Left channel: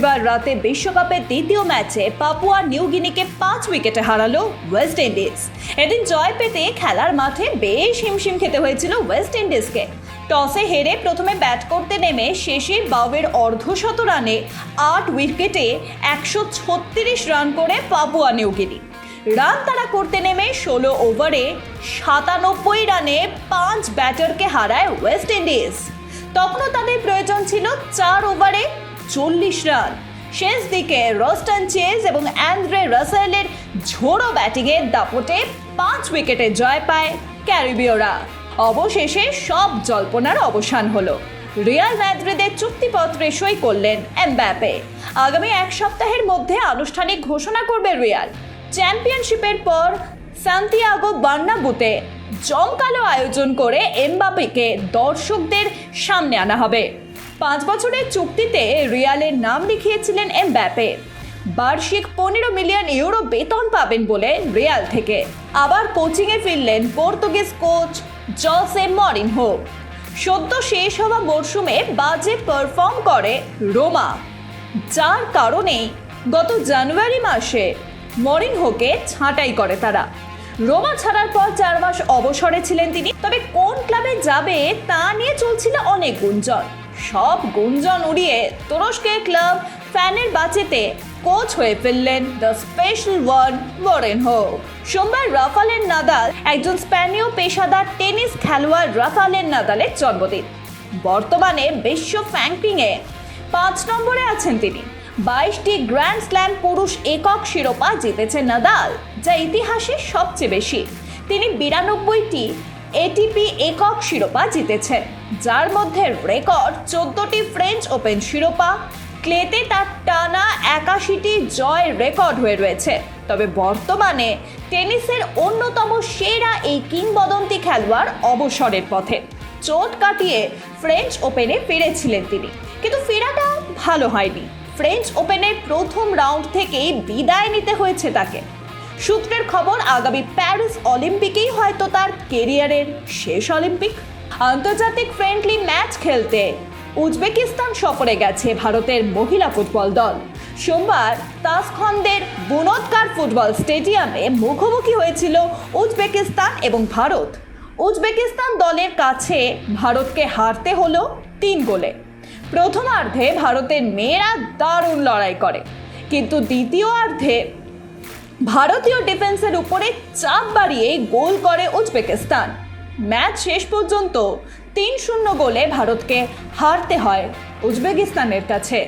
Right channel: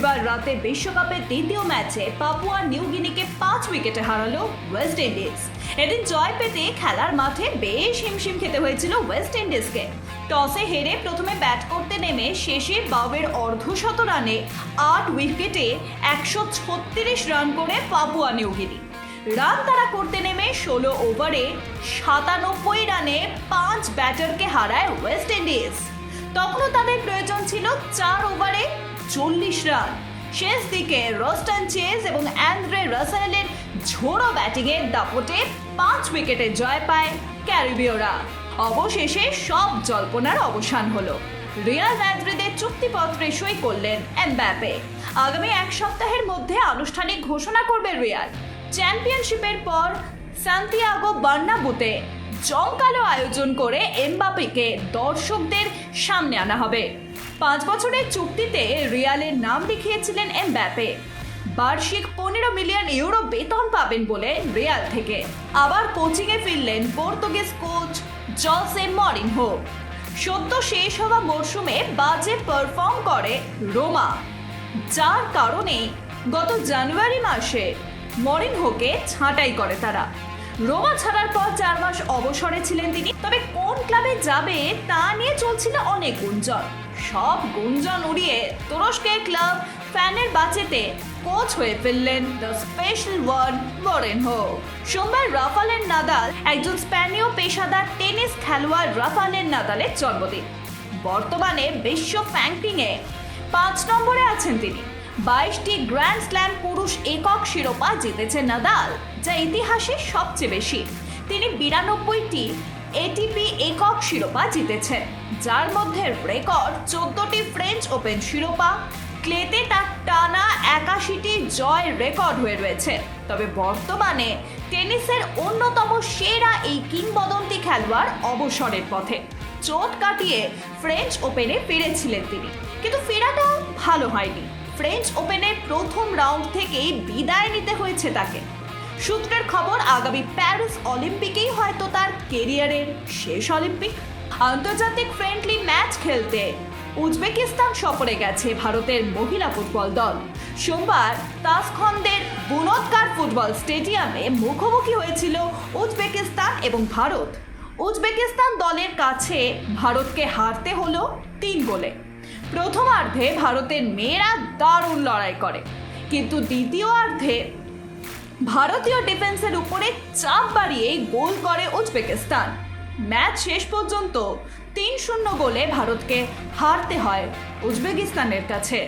রবিবার রাতে বিশ্বকাপের দ্বিতীয় ম্যাচে পাপুয়া নিউগিনিকে 5 উইকেটে হারালো ওয়েস্ট ইন্ডিজ। এদিন জয় পেতে খেলার মাঠে বেশ হিমশিম খেতে হয়েছিল ওয়েস্ট ইন্ডিজকে। টসে হেরে প্রথমে ব্যাট করতে নেমে শেষে বাউয়ের অর্ধশত রানে 8 উইকেটে 136 রান করে পাপুয়া নিউগিনি। রান তারা করতে নেমে 16 ওভারে 97 রানে 5 ব্যাটারকে হারায় ওয়েস্ট ইন্ডিজ। তখনও তাদের প্রয়োজন ছিল 4 ওভারে 40 রান। শেষ দিকে রস্টন চেজ এবং অ্যান্দ্রে রাসেলের ঝোড়ো ব্যাটিংয়ের দাপটে 5 উইকেটে জয় পায় ক্যারিবীয়রা। অবশেষে সব জল্পনার অবসান হলো। রিয়াল মাদ্রিদের চুক্তিপত্রে সই করলেন এমবাপ্পে। আগামী 1 সপ্তাহের মধ্যে আনুষ্ঠানিক ঘোষণা করবে রিয়াল। চ্যাম্পিয়নশিপের পর সান্তিয়াগো বার্নাব্যুতে জমকালো আয়োজন করে এমবাপ্পেকে দর্শকদের সামনে আনা হবে। 5 বছরের চুক্তিতে রিয়ালের নাম লিখিয়েছিলেন এমবাপ্পে। বার্ষিক 15 মিলিয়ন ইউরো বেতন পাবেন বলে রিয়াল থেকে। আবার কোচিংয়ে ফিরলেন পর্তুগিজ কোচ জসে মরিনহো। সদ্য শেষ হওয়া মরশুমে বাজে পারফর্ম করে রোমা, যার কারণে গত জানুয়ারি মাসে মরিনহোকে ছাঁটাই করে তারা। রোমা ছাড়ার পর 4 মাস অবসরে ছিলেন তিনি। তবে কোন ক্লাবে যাবে তা নিয়ে চলছিল অনেক গুঞ্জন। সব গুঞ্জন উড়িয়ে তুরস্কের ক্লাব ফেনেরবাচেতে কোচ হয়ে ফেললেন দ্য স্পেশাল ওয়ান মরিনহো। সোমবার রাফালের নাদাল, একজন স্প্যানীয় পেশাদার টেনিস খেলোয়াড় রাফালের নাদালের জন্মদিন। বর্তমানে বিশ্ব র্যাঙ্কিংয়ে 5 নম্বরে আছেন তিনি। 22টি গ্র্যান্ড স্ল্যাম পুরুষ একক শিরোপা জিতেছে নাদাল, যা ইতিহাসে সবচেয়ে বেশি। তিনি 92টি এটিপি একক শিরোপা জিতেছেন, যার মধ্যে রেকর্ড 14টি ফ্রেঞ্চ ওপেন শিরোপা। ক্লেতে তার টানা 81টি জয় রেকর্ড হয়ে রয়েছে। তবে বর্তমানে টেনিসের অন্যতম সেরা এই কিংবদন্তি খেলোয়াড় অবসরের পথে। চোট কাটিয়ে ফ্রেঞ্চ ওপেনে ফিরেছিলেন তিনি, কিন্তু ফেরাটা ভালো হয়নি। ফ্রেঞ্চ ওপেনের প্রথম রাউন্ড থেকেই বিদায় নিতে হয়েছে তাকে। সূত্রের খবর, আগামী প্যারিস অলিম্পিকেই হয়তো তার কেরিয়ারের শেষ অলিম্পিক। আন্তর্জাতিক ফ্রেন্ডলি ম্যাচ খেলতে উজবেকিস্তান সফরে গেছে ভারতের মহিলা ফুটবল দল। সোমবার তাসখন্দের বুনৎকার ফুটবল স্টেডিয়ামে মুখোমুখি হয়েছিল উজবেকিস্তান এবং ভারত। উজবেকিস্তান দলের কাছে ভারতকে হারতে হলো 3 গোলে। প্রথমার্ধে ভারতের মেয়েরা দারুণ লড়াই করে, কিন্তু দ্বিতীয়ার্ধে ভারতীয় ডিফেন্সের উপরে চাপ বাড়িয়ে গোল করে উজবেকিস্তান। ম্যাচ শেষ পর্যন্ত 3-0 গোলে ভারতকে হারতে হয় উজবেকিস্তানের কাছে।